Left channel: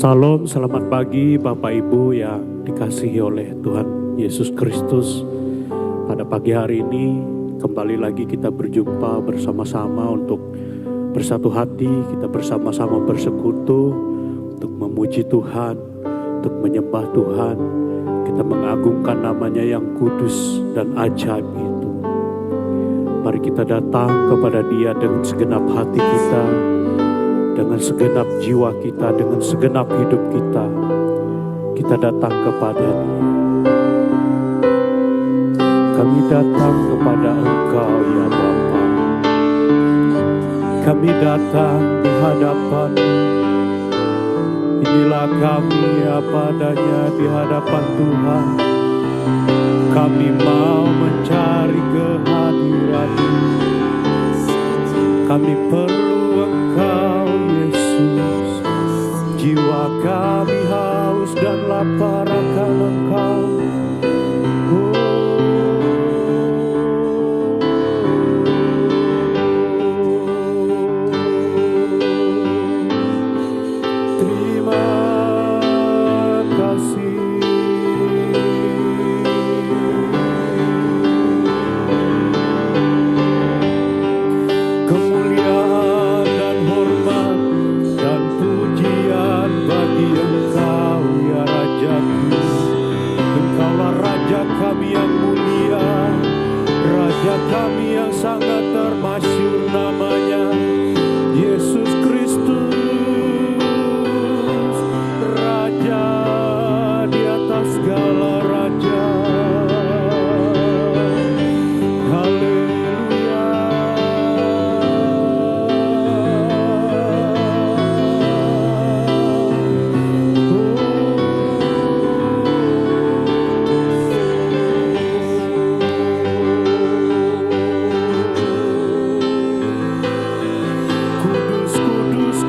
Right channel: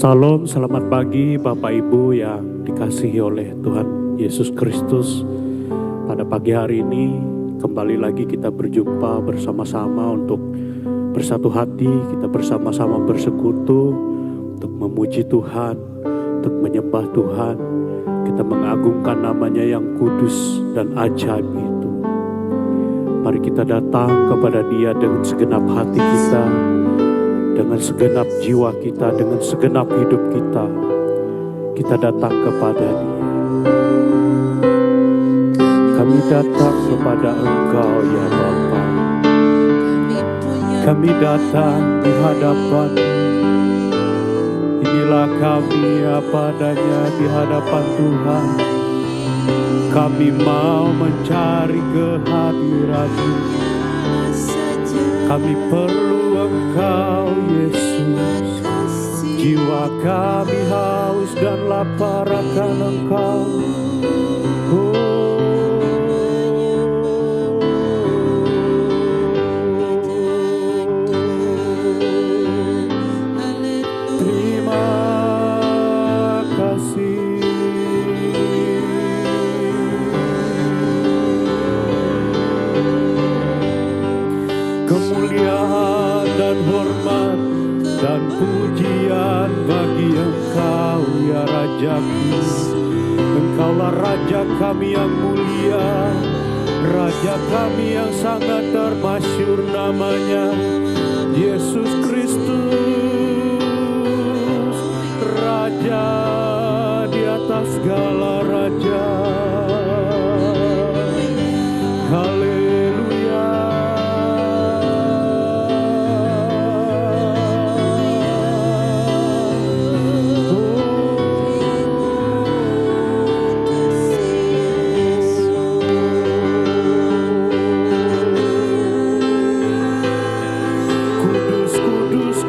Salam, selamat pagi Bapak Ibu yang dikasihi oleh Tuhan Yesus Kristus. Pada pagi hari ini kembali lagi kita berjumpa bersama-sama untuk bersatu hati, kita bersama-sama bersekutu untuk memuji Tuhan, untuk menyembah Tuhan. Kita mengagungkan namanya yang kudus dan ajaib itu. Mari kita datang kepada Dia dengan segenap hati kita, dengan segenap jiwa kita, dengan segenap hidup kita. Kita datang kepada Dia. Kami datang kepada Engkau ya Bapa. Kami datang di hadapan-Mu. Inilah kami apa adanya di hadapan Tuhan. Kami mau mencari kehadiran-Mu. Kami perlu Engkau Yesus. Jiwa kami haus dan lapar akan Engkau. Terima kasih. Kemuliaan dan hormat dan pujian bagi Engkau ya Rajaku. Engkaulah Raja kami yang mulia, Raja kami yang sangat termasyhur namanya, Yesus Kristus, Raja di atas segala raja. Haleluya.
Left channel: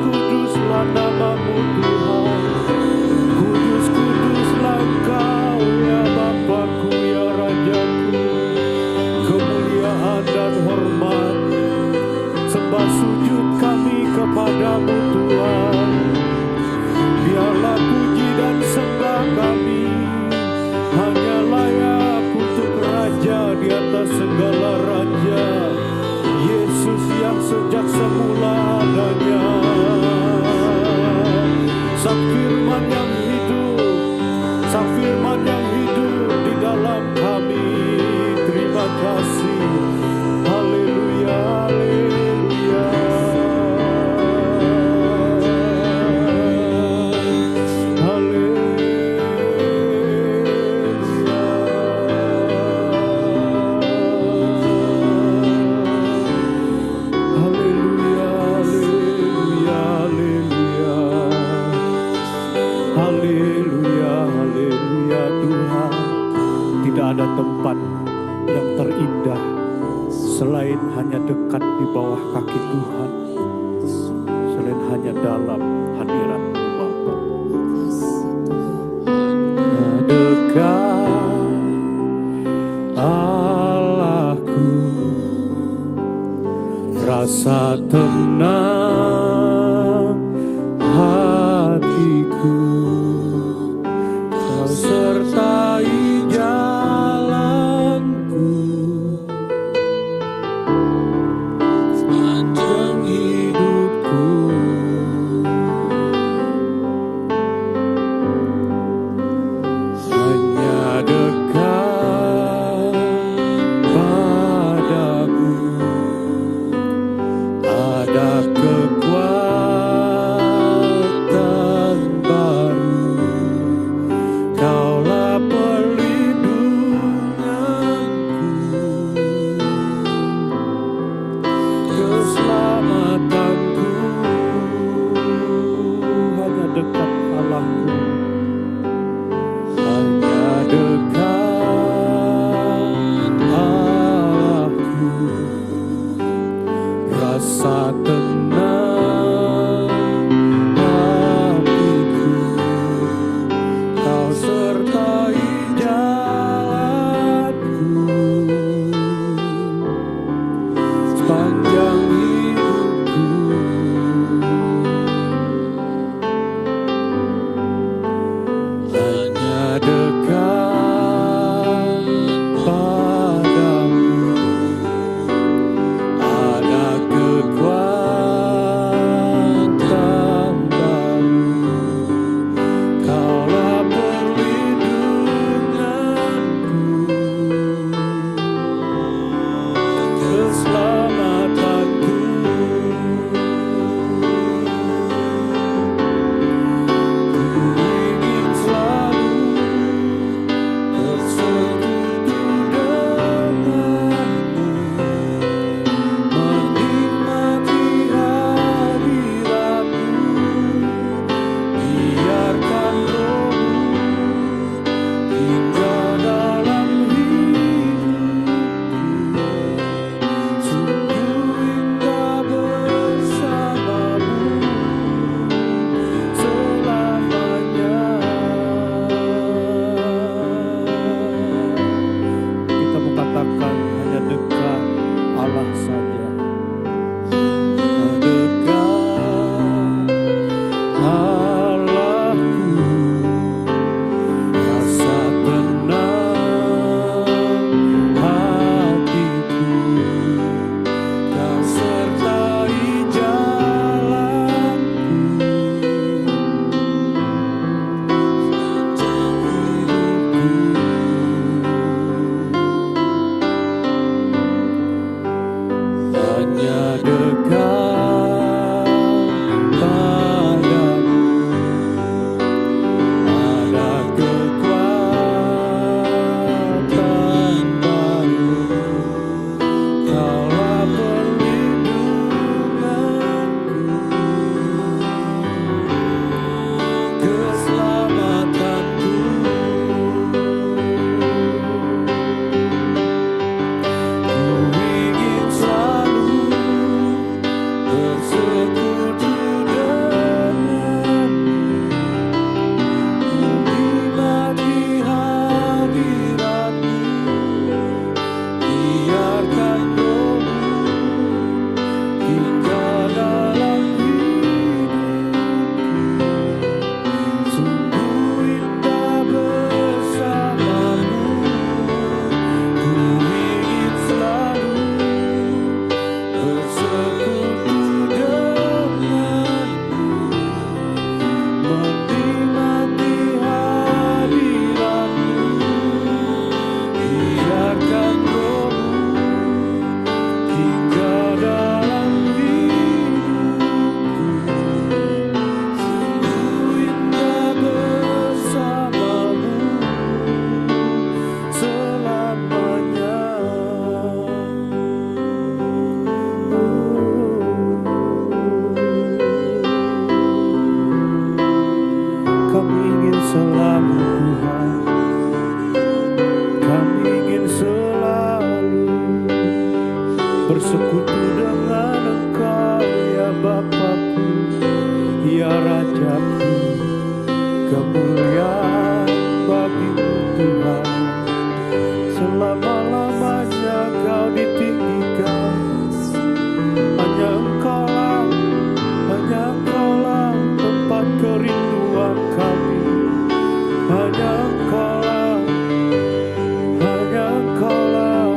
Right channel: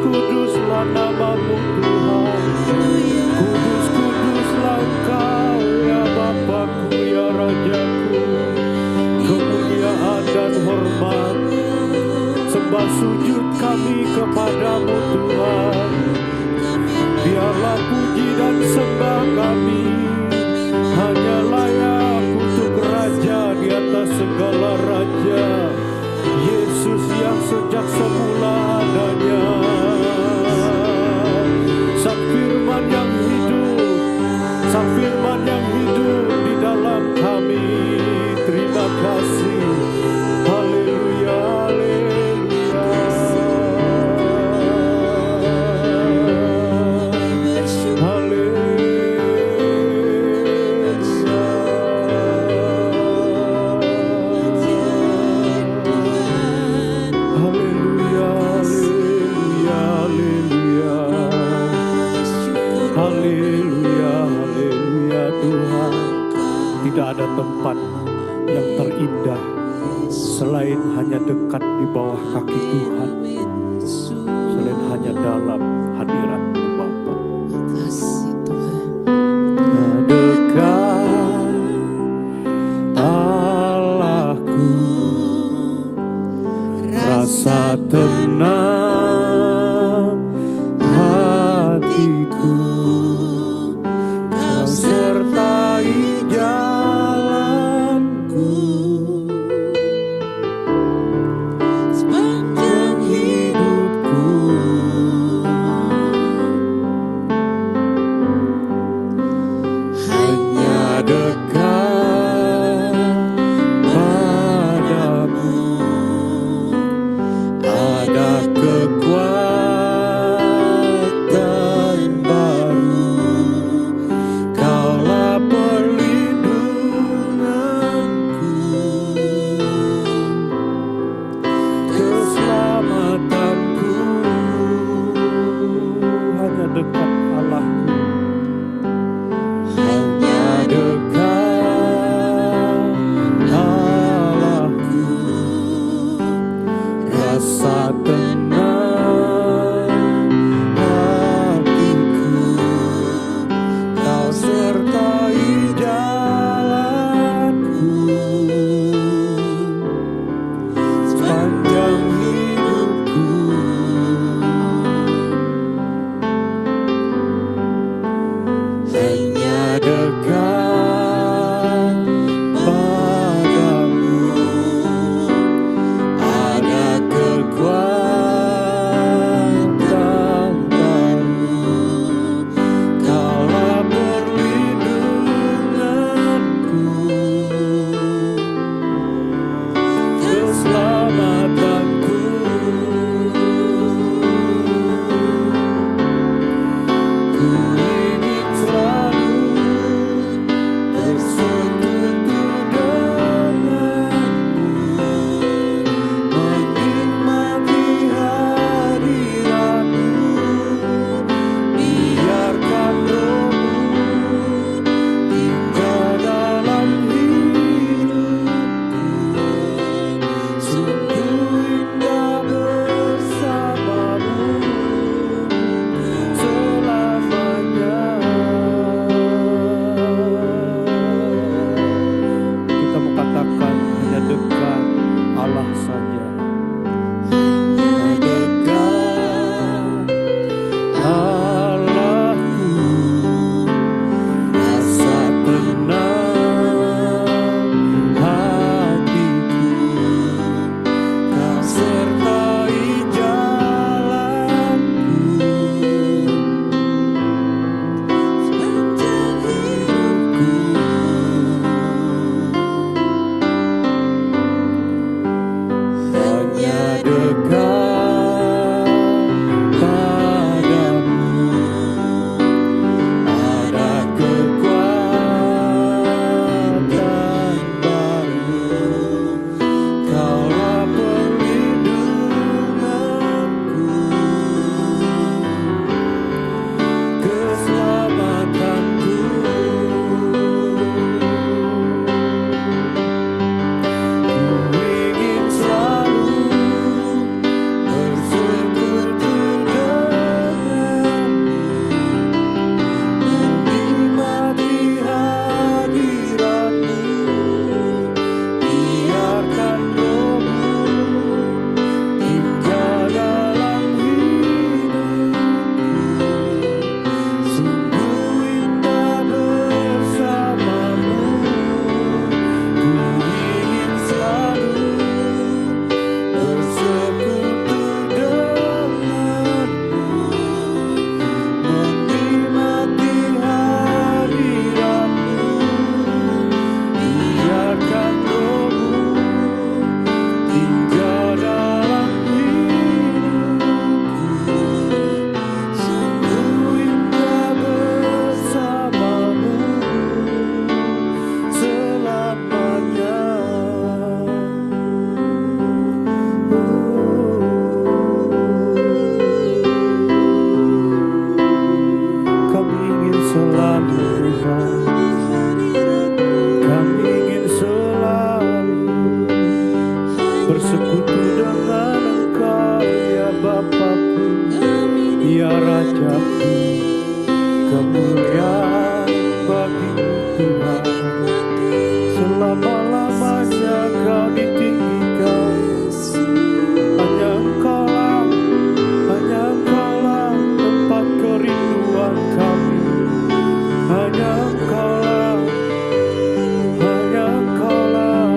Kuduslah nama-Mu Tuhan. Kuduslah Engkau ya Bapakku ya Rajaku. Kemuliaan dan hormat, sembah sujud kami kepadamu Tuhan. Biarlah puji dan sembah kami hanya layak untuk Raja di atas segala raja, Yesus yang sejak semula adanya, Sang Firman yang hidup, Sang Firman yang hidup di dalam kami. Terima kasih. Haleluya, haleluya. Haleluya, haleluya Tuhan. Tidak ada tempat yang terindah selain hanya dekat di bawah kaki Tuhan, selain hanya dalam hadirat-Mu Bapa. Ya dekat Allahku, rasa tenang hatiku, Kau sertai jalanku sepanjang hidupku. Hanya dekat padamu ada kekuatan baru. Kaulah perlindunganku, keselamatanku. Hanya dekat Allahku, hanya dekat Allahku, rasa tenang hatiku, Kau sertai jalanku sepanjang hidupku. hanya dekat padamu ada kekuatan baru. Kaulah perlindunganku, keselamatanku. Ku ingin selalu bersekutu denganmu, menikmati hadiratmu. Biarkan rohmu hingga dalam hidupku, sungguh indah bersamamu selamanya. Kita mau katakan hanya dekat Allah saja, hanya dekat Allahku, rasa tenang hatiku. Kau sertai jalanku, sepanjang hidupku. Hanya dekat padamu ada kekuatan baru. Kaulah perlindunganku, keselamatanku. Ku ingin selalu bersekutu denganmu, menikmati hadiratmu. Biarkan rohmu hingga dalam hidupku, sungguh indah bersamamu. Ku ingin selalu bersekutu denganmu, menikmati hadiratmu. Biarkan rohmu hingga dalam hidupku, sungguh indah bersamamu selamanya. Kami ingin selalu Tuhan, kami ingin selalu bersekutu dengan Engkau ya Bapakku, ya Rajaku. Kemuliaan bagimu Tuhan, selama-lamanya Kau ditinggikan. Hanya Engkaulah tempat kerinduan kami. Hanya Engkaulah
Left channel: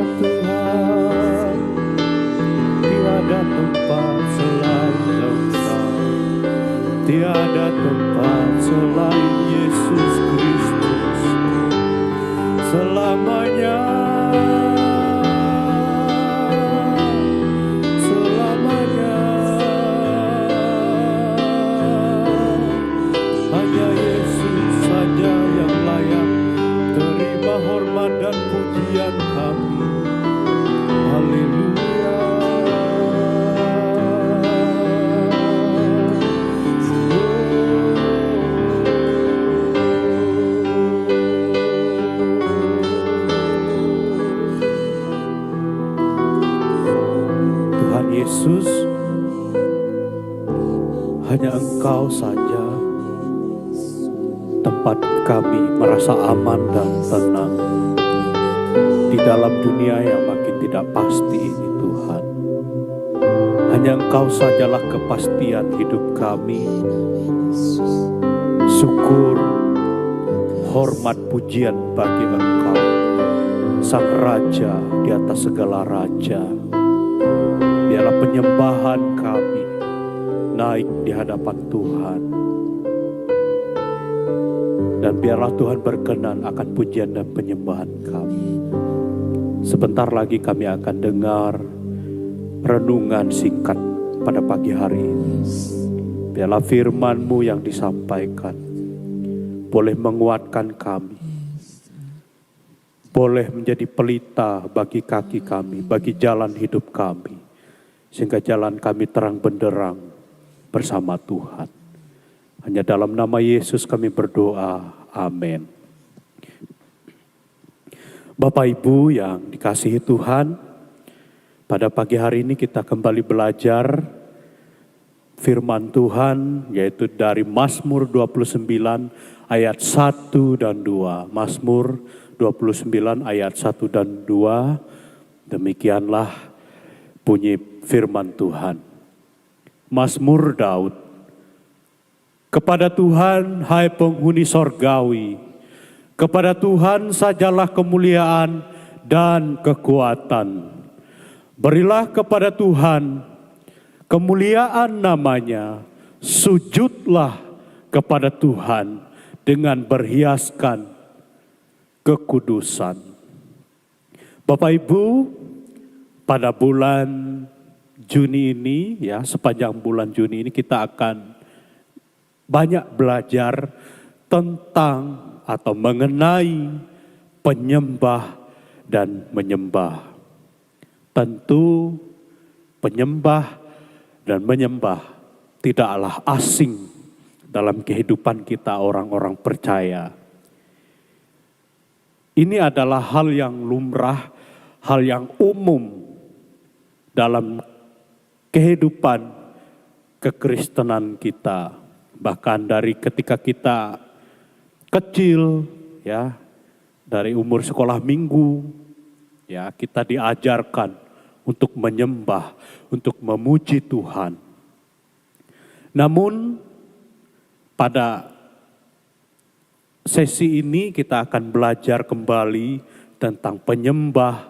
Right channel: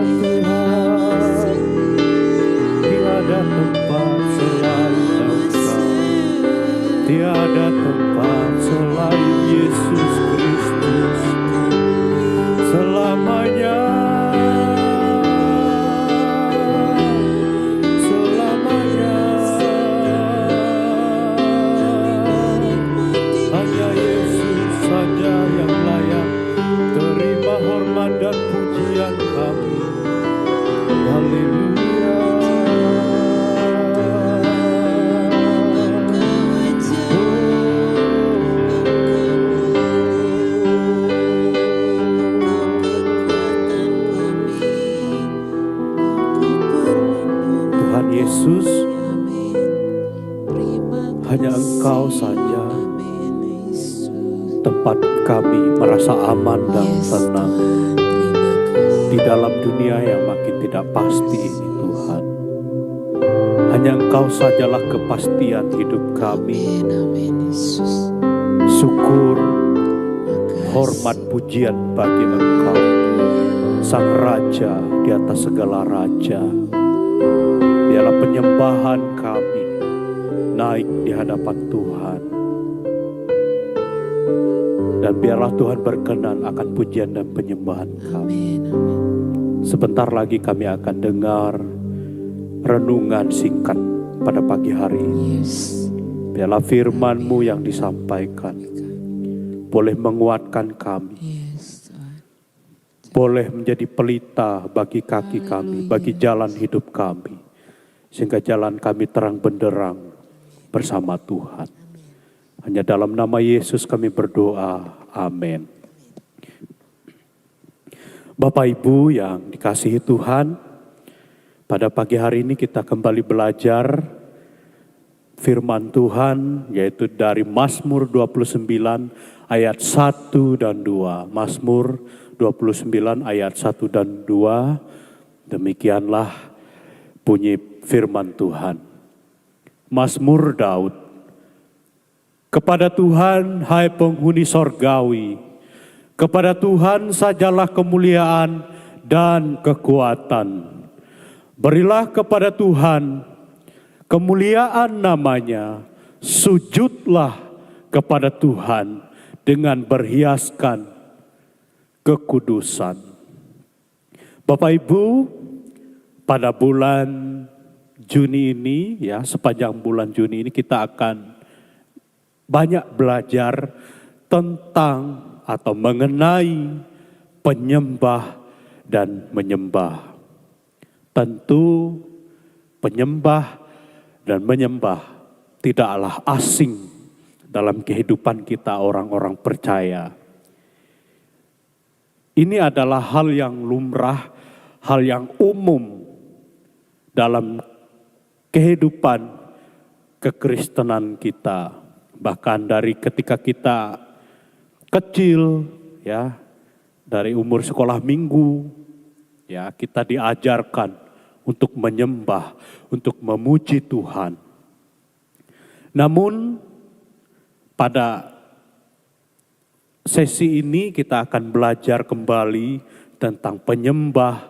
Tuhan. Tiada tempat selain Engkau, tiada tempat selain Yesus Kristus. Selamanya hanya Yesus saja yang layak terima hormat dan pujian kami. Haleluya. Tuhan Yesus, hanya Engkau saja tempat kami merasa aman dan tenang di dalam dunia yang makin tidak pasti ini Tuhan. Hanya Engkau sajalah kepastian hidup kami. Syukur, hormat pujian bagi Engkau, Sang Raja di atas segala raja. Biarlah penyembahan kami naik di hadapan Tuhan. Dan biarlah Tuhan berkenan akan pujian dan penyembahan kami. Sebentar lagi kami akan dengar renungan singkat pada pagi hari ini. Biarlah firman-Mu yang disampaikan boleh menguatkan kami, boleh menjadi pelita bagi kaki kami, bagi jalan hidup kami, sehingga jalan kami terang benderang bersama Tuhan. Hanya dalam nama Yesus kami berdoa, amin. Bapak Ibu yang dikasihi Tuhan, pada pagi hari ini kita kembali belajar firman Tuhan, yaitu dari Mazmur 29 ayat 1 dan 2. Mazmur 29 ayat 1 dan 2. Demikianlah bunyi firman Tuhan. Mazmur Daud. Kepada Tuhan, hai penghuni sorgawi, kepada Tuhan sajalah kemuliaan dan kekuatan. Berilah kepada Tuhan kemuliaan namanya, sujudlah kepada Tuhan dengan berhiaskan kekudusan. Bapak Ibu, pada bulan Juni ini, ya sepanjang bulan Juni ini kita akan banyak belajar tentang atau mengenai penyembah dan menyembah. Tentu penyembah dan menyembah tidaklah asing dalam kehidupan kita orang-orang percaya. Ini adalah hal yang lumrah, hal yang umum dalam kehidupan kekristenan kita. Bahkan dari ketika kita kecil, ya, dari umur sekolah minggu, ya, kita diajarkan untuk menyembah, untuk memuji Tuhan. Namun pada sesi ini kita akan belajar kembali tentang penyembah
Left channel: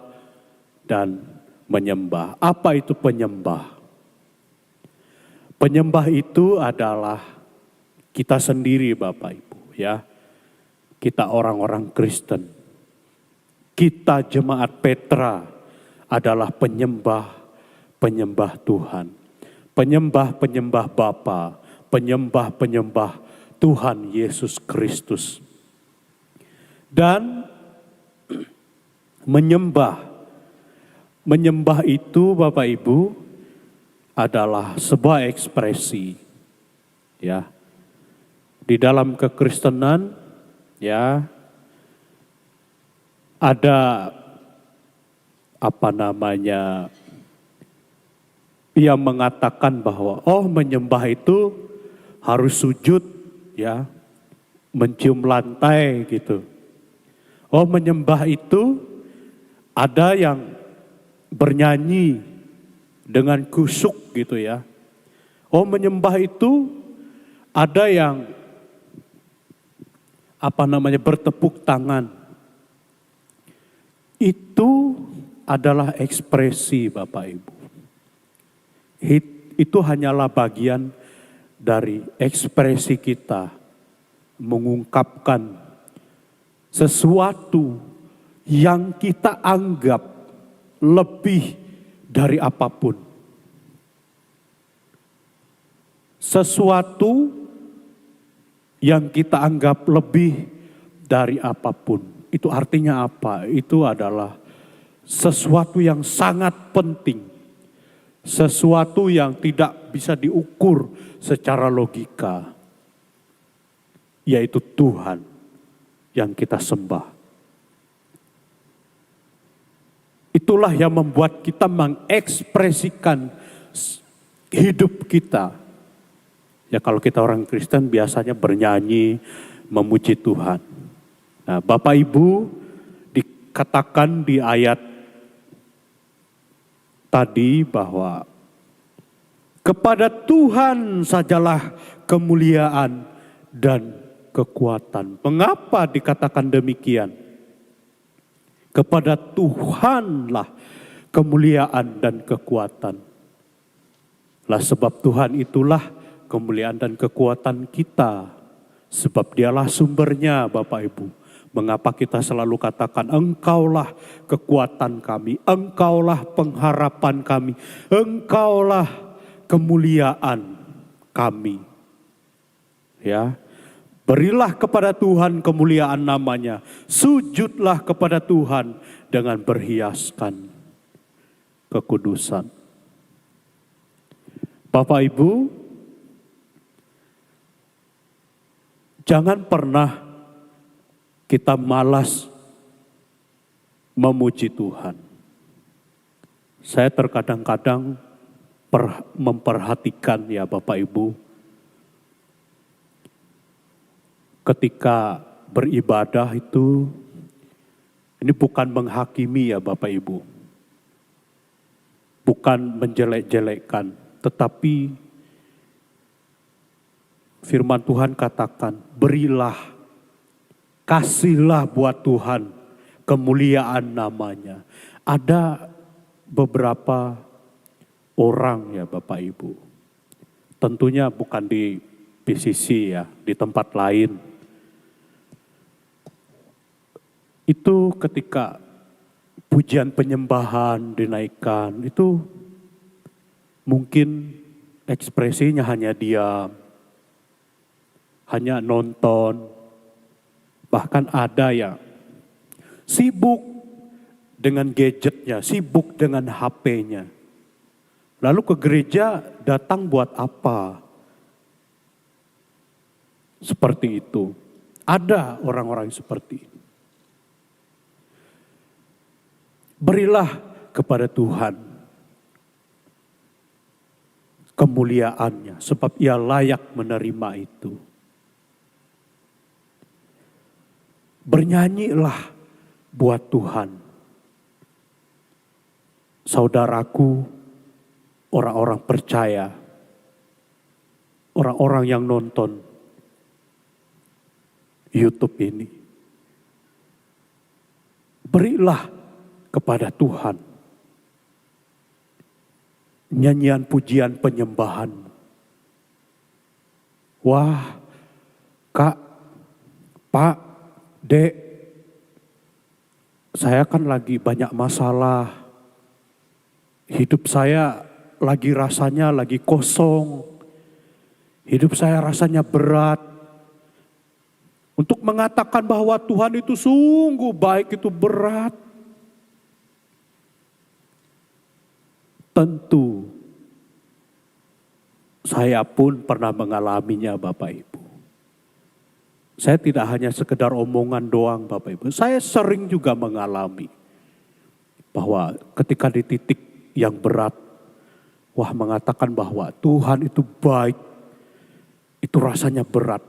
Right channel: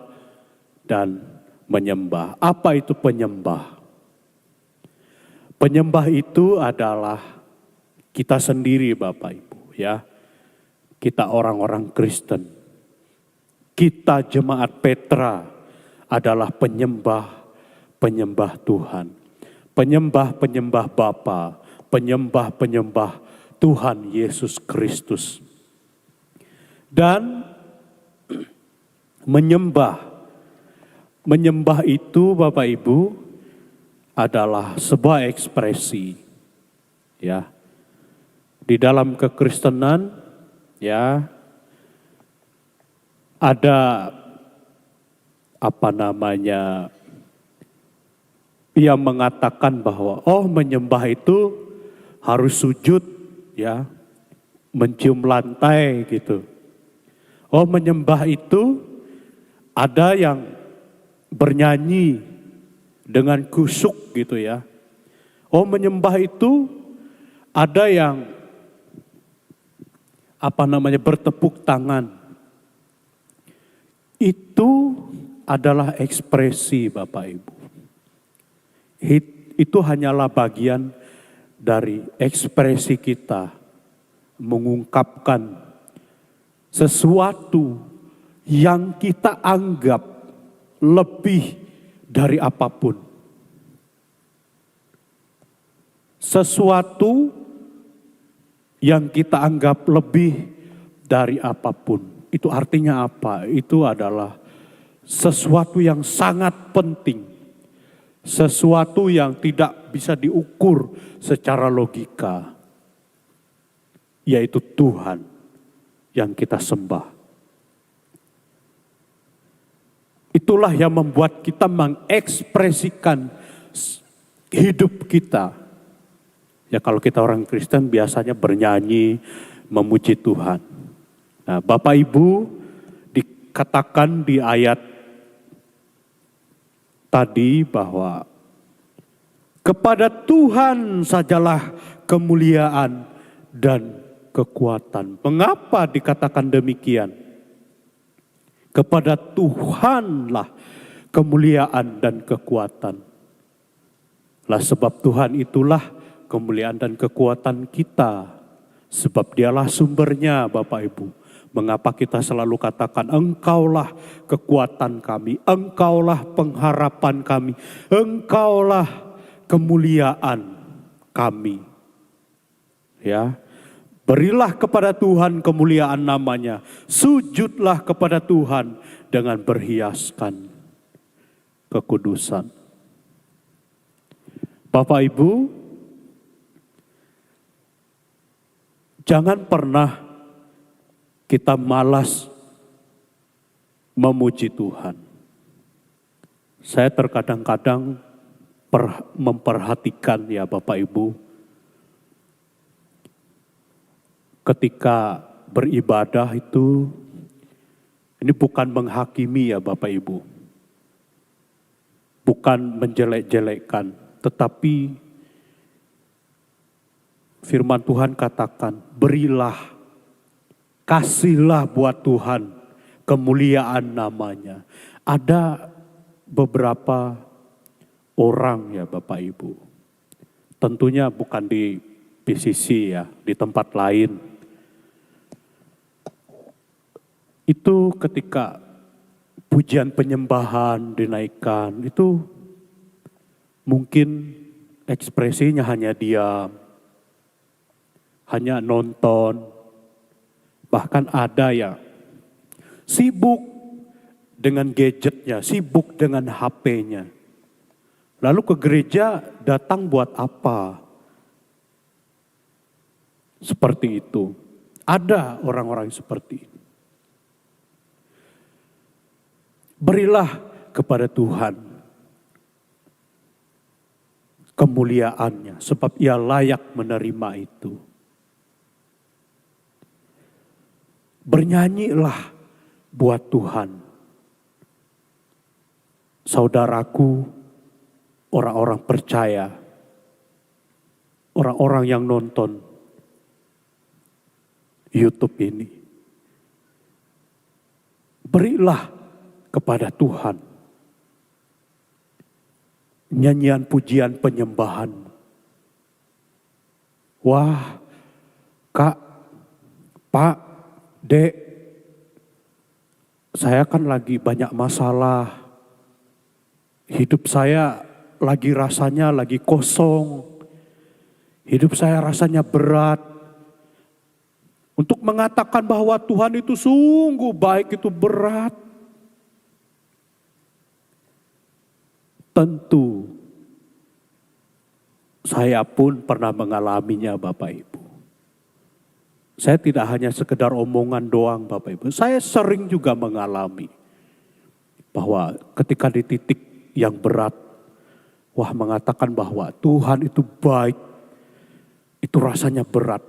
dan menyembah. Apa itu penyembah? Penyembah itu adalah kita sendiri, Bapak Ibu, ya. Kita orang-orang Kristen. Kita jemaat Petra adalah penyembah Tuhan. Penyembah Bapa, penyembah Tuhan Yesus Kristus. Dan menyembah itu, Bapak Ibu, adalah sebuah ekspresi, ya. Di dalam kekristenan, ya, ada yang mengatakan bahwa menyembah itu harus sujud, ya, mencium lantai gitu. Menyembah itu ada yang bernyanyi dengan kusuk gitu, ya. Menyembah itu ada yang bertepuk tangan. Itu adalah ekspresi, Bapak Ibu. Itu hanyalah bagian dari ekspresi kita mengungkapkan sesuatu yang kita anggap lebih dari apapun. Sesuatu yang kita anggap lebih dari apapun. Itu artinya apa? Itu adalah sesuatu yang sangat penting. Sesuatu yang tidak bisa diukur secara logika. Yaitu Tuhan yang kita sembah. Itulah yang membuat kita mengekspresikan hidup kita. Ya, kalau kita orang Kristen biasanya bernyanyi, memuji Tuhan. Nah, Bapak Ibu, dikatakan di ayat tadi bahwa kepada Tuhan sajalah kemuliaan dan kekuatan. Mengapa dikatakan demikian? Kepada Tuhanlah kemuliaan dan kekuatan. Lah sebab Tuhan itulah kemuliaan dan kekuatan kita. Sebab dialah sumbernya, Bapak Ibu. Mengapa kita selalu katakan Engkaulah kekuatan kami, Engkaulah pengharapan kami, Engkaulah kemuliaan kami. Ya, berilah kepada Tuhan kemuliaan namanya, sujudlah kepada Tuhan dengan berhiaskan kekudusan. Bapak Ibu, jangan pernah kita malas memuji Tuhan. Saya terkadang-kadang memperhatikan ya Bapak Ibu, ketika beribadah itu, ini bukan menghakimi ya Bapak Ibu, bukan menjelek-jelekkan, tetapi firman Tuhan katakan, berilah, kasihlah buat Tuhan kemuliaan namanya. Ada beberapa orang ya Bapak Ibu, tentunya bukan di PCC ya, di tempat lain. Itu ketika pujian penyembahan dinaikkan, itu mungkin ekspresinya hanya diam, hanya nonton. Bahkan ada yang sibuk dengan gadgetnya, sibuk dengan HP-nya. Lalu ke gereja datang buat apa? Seperti itu. Ada orang-orang seperti itu. Berilah kepada Tuhan kemuliaannya, sebab Ia layak menerima itu. Bernyanyilah buat Tuhan. Saudaraku, orang-orang percaya, orang-orang yang nonton YouTube ini, berilah kepada Tuhan nyanyian pujian penyembahan. Wah, Kak, Pak, Dek, saya kan lagi banyak masalah. Hidup saya lagi rasanya lagi kosong. Hidup saya rasanya berat. Untuk mengatakan bahwa Tuhan itu sungguh baik itu berat. Tentu saya pun pernah mengalaminya Bapak Ibu. Saya tidak hanya sekedar omongan doang Bapak Ibu. Saya sering juga mengalami bahwa ketika di titik yang berat, wah mengatakan bahwa Tuhan itu baik, itu rasanya berat.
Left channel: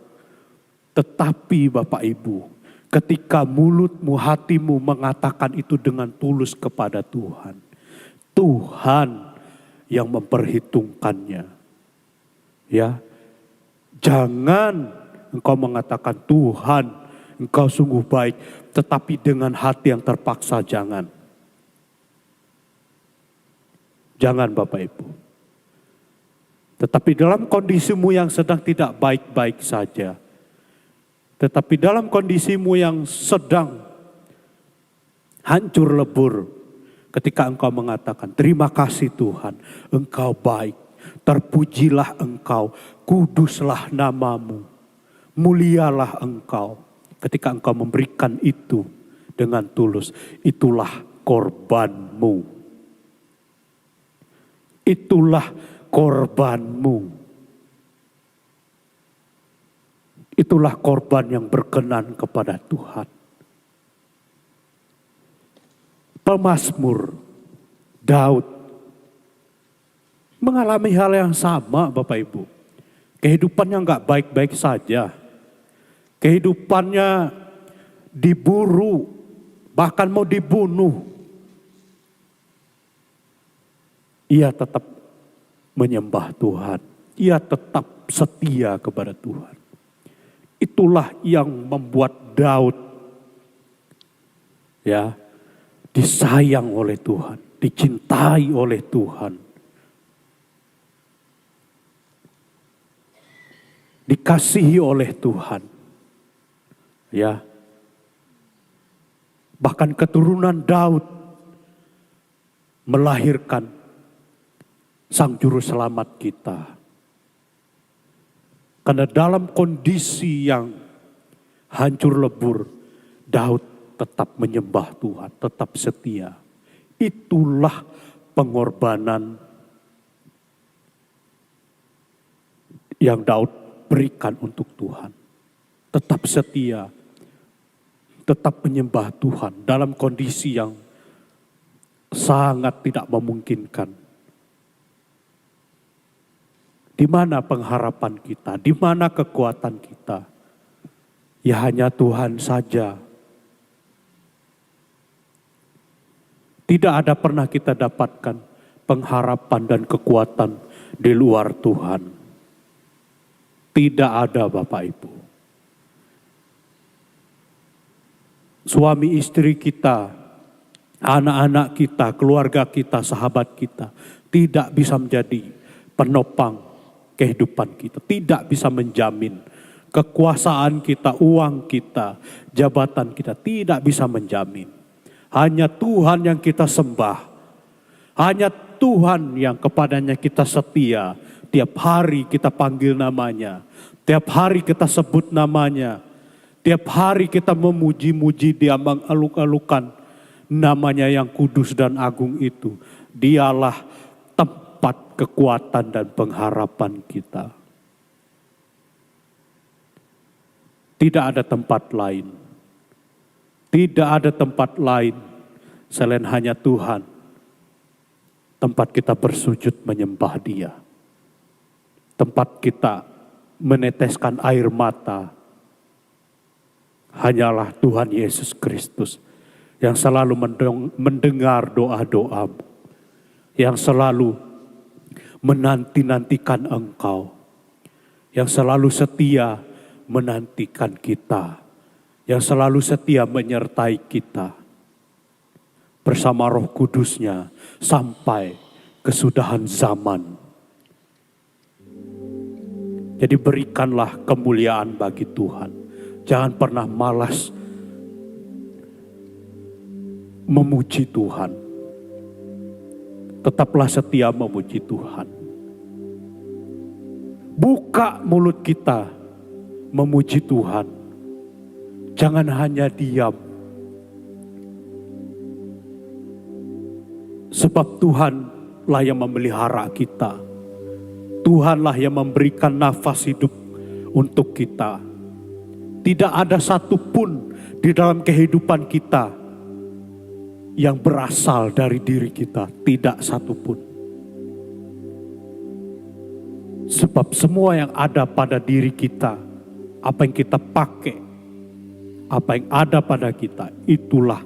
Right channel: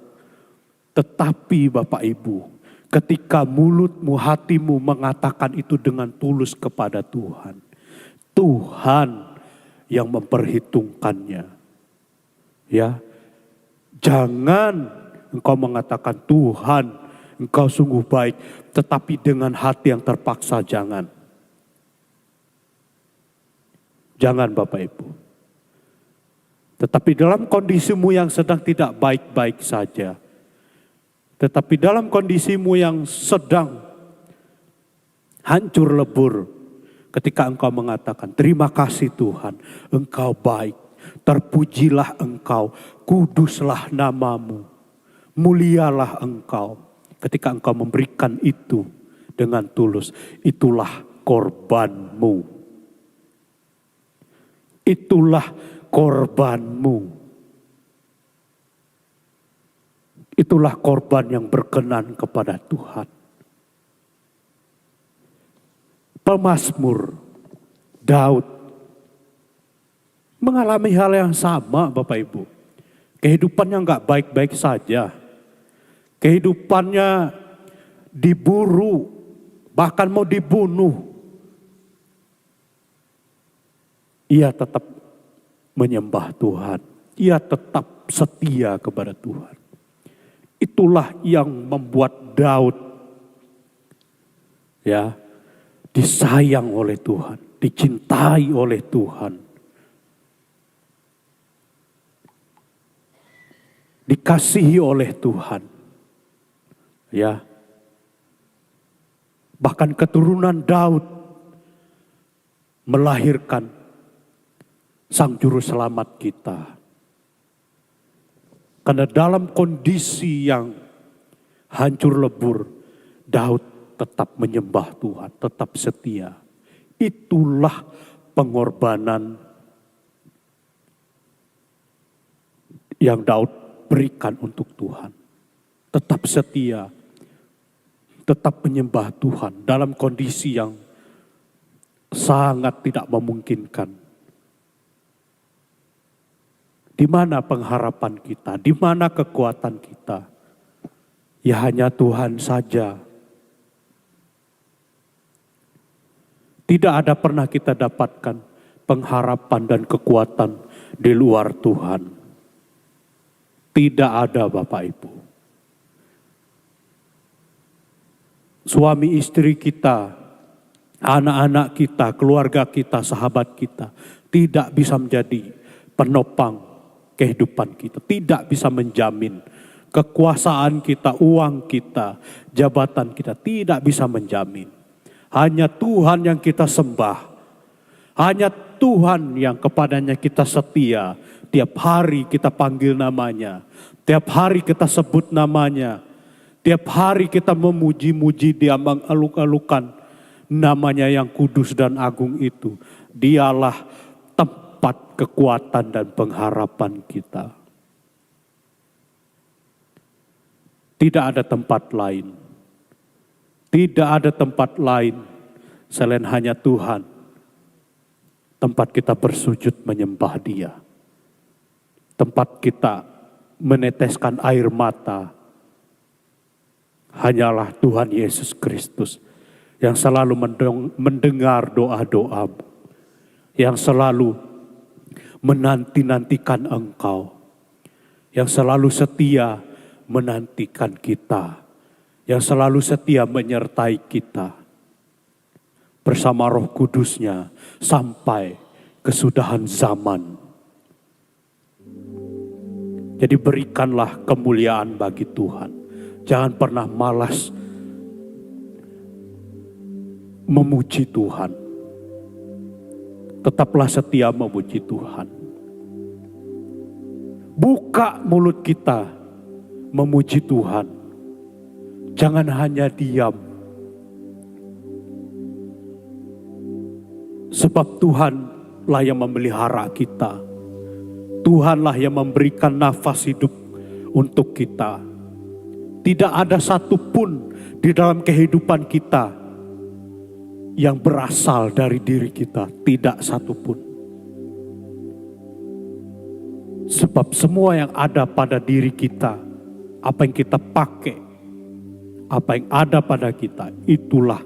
Tetapi Bapak Ibu, ketika mulutmu, hatimu mengatakan itu dengan tulus kepada Tuhan, Tuhan yang memperhitungkannya. Ya, jangan engkau mengatakan Tuhan, engkau sungguh baik, tetapi dengan hati yang terpaksa jangan. Jangan Bapak Ibu. Tetapi dalam kondisimu yang sedang tidak baik-baik saja, tetapi dalam kondisimu yang sedang hancur lebur, ketika engkau mengatakan, terima kasih Tuhan, engkau baik, terpujilah engkau, kuduslah namamu, mulialah engkau. Ketika engkau memberikan itu dengan tulus, itulah korbanmu. Itulah korbanmu. Itulah korban yang berkenan kepada Tuhan. Pemazmur Daud mengalami hal yang sama Bapak Ibu. Kehidupannya enggak baik-baik saja. Kehidupannya diburu, bahkan mau dibunuh. Ia tetap menyembah Tuhan. Ia tetap setia kepada Tuhan. itulah yang membuat Daud disayang oleh Tuhan, dicintai oleh Tuhan, dikasihi oleh Tuhan. Bahkan keturunan Daud melahirkan Sang Juru Selamat kita. Karena dalam kondisi yang hancur lebur, Daud tetap menyembah Tuhan, tetap setia. Itulah pengorbanan yang Daud berikan untuk Tuhan. Tetap setia, tetap menyembah Tuhan dalam kondisi yang sangat tidak memungkinkan. Di mana pengharapan kita? Di mana kekuatan kita? Ya hanya Tuhan saja. Tidak ada pernah kita dapatkan pengharapan dan kekuatan di luar Tuhan. Tidak ada, Bapak Ibu. Suami istri kita, anak-anak kita, keluarga kita, sahabat kita tidak bisa menjadi penopang kehidupan kita, tidak bisa menjamin kekuasaan kita, uang kita, jabatan kita, tidak bisa menjamin. Hanya Tuhan yang kita sembah, hanya Tuhan yang kepadanya kita setia. Tiap hari kita panggil namanya, tiap hari kita sebut namanya, tiap hari kita memuji-muji Dia, mengaluk-alukan namanya yang kudus dan agung itu. Dialah tempat kekuatan dan pengharapan kita. Tidak ada tempat lain. Tidak ada tempat lain selain hanya Tuhan. Tempat kita bersujud menyembah Dia. Tempat kita meneteskan air mata. Hanyalah Tuhan Yesus Kristus yang selalu mendengar doa-doamu. Yang selalu menanti-nantikan engkau. Yang selalu setia menantikan kita. Yang selalu setia menyertai kita. Bersama Roh Kudus-Nya sampai kesudahan zaman. Jadi berikanlah kemuliaan bagi Tuhan. Jangan pernah malas memuji Tuhan. Tetaplah setia memuji Tuhan. Buka mulut kita memuji Tuhan. Jangan hanya diam. Sebab Tuhanlah yang memelihara kita. Tuhanlah yang memberikan nafas hidup untuk kita. Tidak ada satupun di dalam kehidupan kita yang berasal dari diri kita. Tidak satupun. Sebab semua yang ada pada diri kita, apa yang kita pakai, apa yang ada pada kita, itulah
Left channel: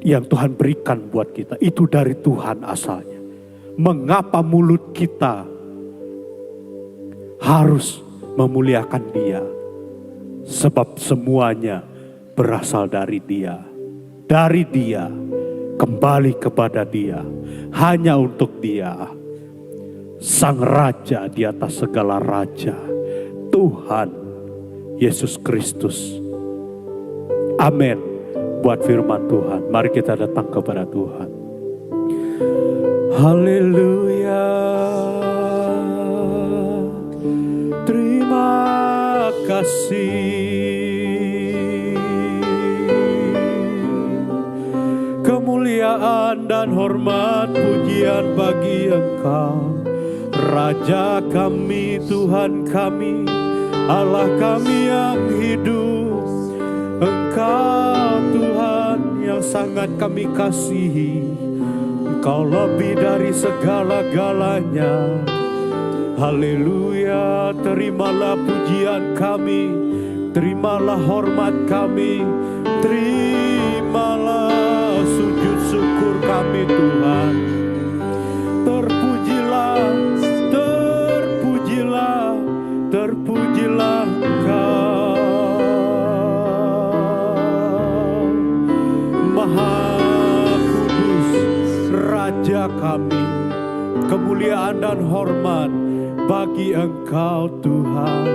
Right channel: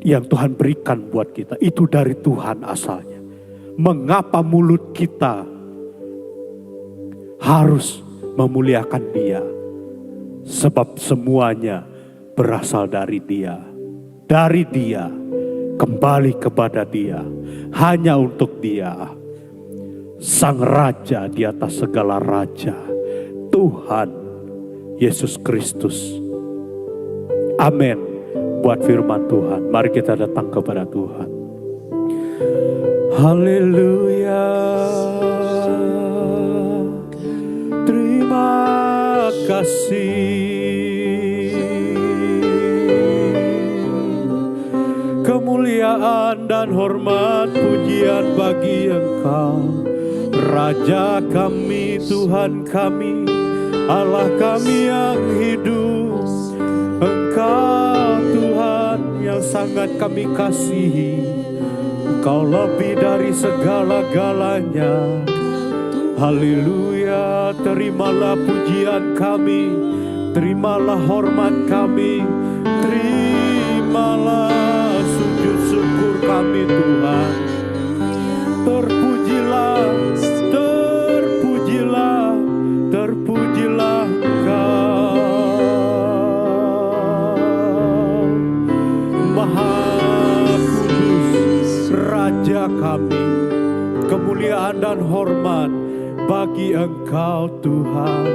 yang Tuhan berikan buat kita. Itu dari Tuhan asalnya. Mengapa mulut kita harus memuliakan Dia? Sebab semuanya berasal dari Dia. Dari Dia, kembali kepada Dia. Hanya untuk Dia. Sang Raja di atas segala raja. Tuhan Yesus Kristus. Amin. Buat firman Tuhan, mari kita datang kepada Tuhan. Haleluya. Terima kasih. Kemuliaan dan hormat pujian bagi Engkau, Raja kami, Tuhan kami, Allah kami yang hidup. Engkau Tuhan yang sangat kami kasihi. Engkau lebih dari segala-galanya. Haleluya, terimalah pujian kami, terimalah hormat kami, terimalah sujud syukur kami Tuhan. Terpujilah, terpujilah, terpujilah Engkau, Maha Kudus, Raja kami. Kemuliaan dan hormat bagi Engkau Tuhan.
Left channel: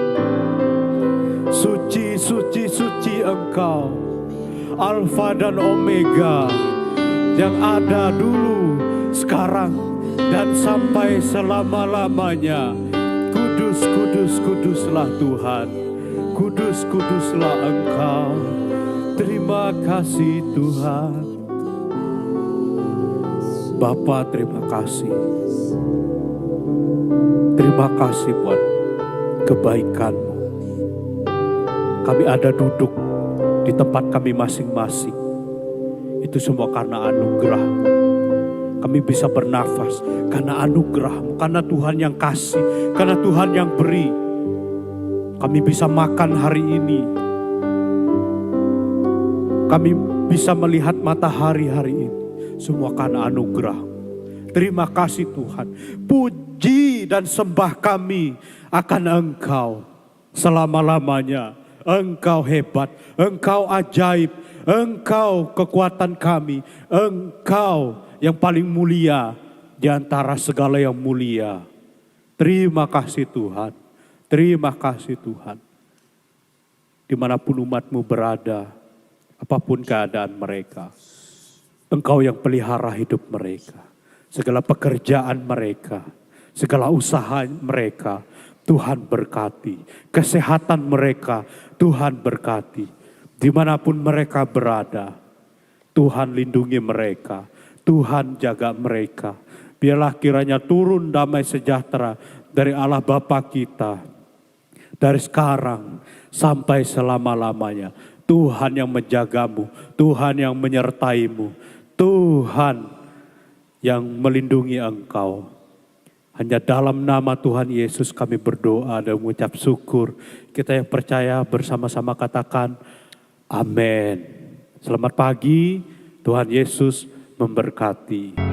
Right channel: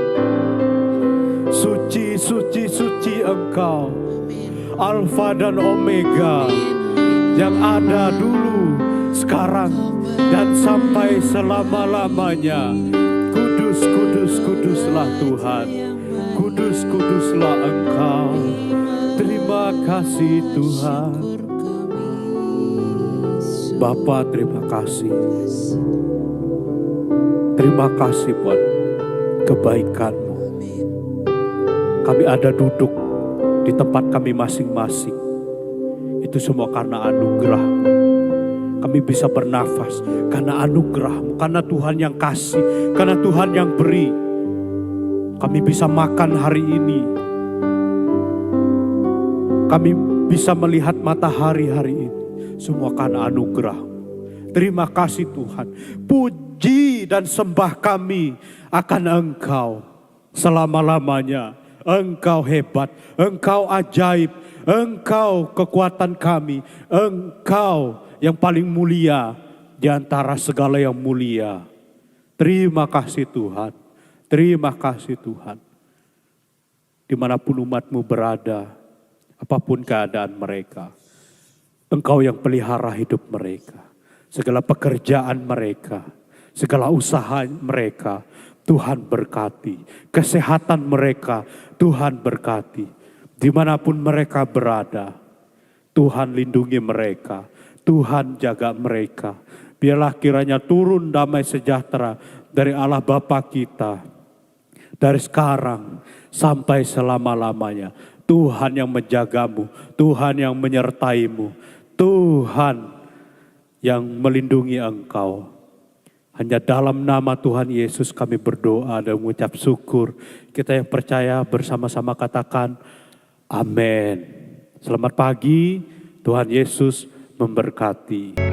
Suci, suci, suci Engkau, Alfa dan Omega, yang ada dulu, sekarang, dan sampai selama-lamanya. Kudus, kudus, kuduslah Tuhan. Kudus, kuduslah Engkau. Terima kasih Tuhan. Bapa, terima kasih. Terima kasih buat kebaikan-Mu. Kami ada duduk di tempat kami masing-masing. Itu semua karena anugerah-Mu. Kami bisa bernafas karena anugerah-Mu, karena Tuhan yang kasih, karena Tuhan yang beri. Kami bisa makan hari ini. Kami bisa melihat matahari hari ini. Semua karena anugerah. Terima kasih Tuhan. Puji dan sembah kami akan Engkau selama-lamanya. Engkau hebat, Engkau ajaib, Engkau kekuatan kami, Engkau yang paling mulia di antara segala yang mulia. Terima kasih Tuhan, terima kasih Tuhan. Dimanapun umat-Mu berada, apapun keadaan mereka, Engkau yang pelihara hidup mereka. Segala pekerjaan mereka, segala usaha mereka, Tuhan berkati. Kesehatan mereka, Tuhan berkati. Dimanapun mereka berada, Tuhan lindungi mereka. Tuhan jaga mereka. Biarlah kiranya turun damai sejahtera dari Allah Bapa kita. Dari sekarang sampai selama-lamanya. Tuhan yang menjagamu, Tuhan yang menyertaimu, Tuhan yang melindungi engkau. Hanya dalam nama Tuhan Yesus kami berdoa dan mengucap syukur. Kita yang percaya bersama-sama katakan amin. Selamat pagi, Tuhan Yesus memberkati.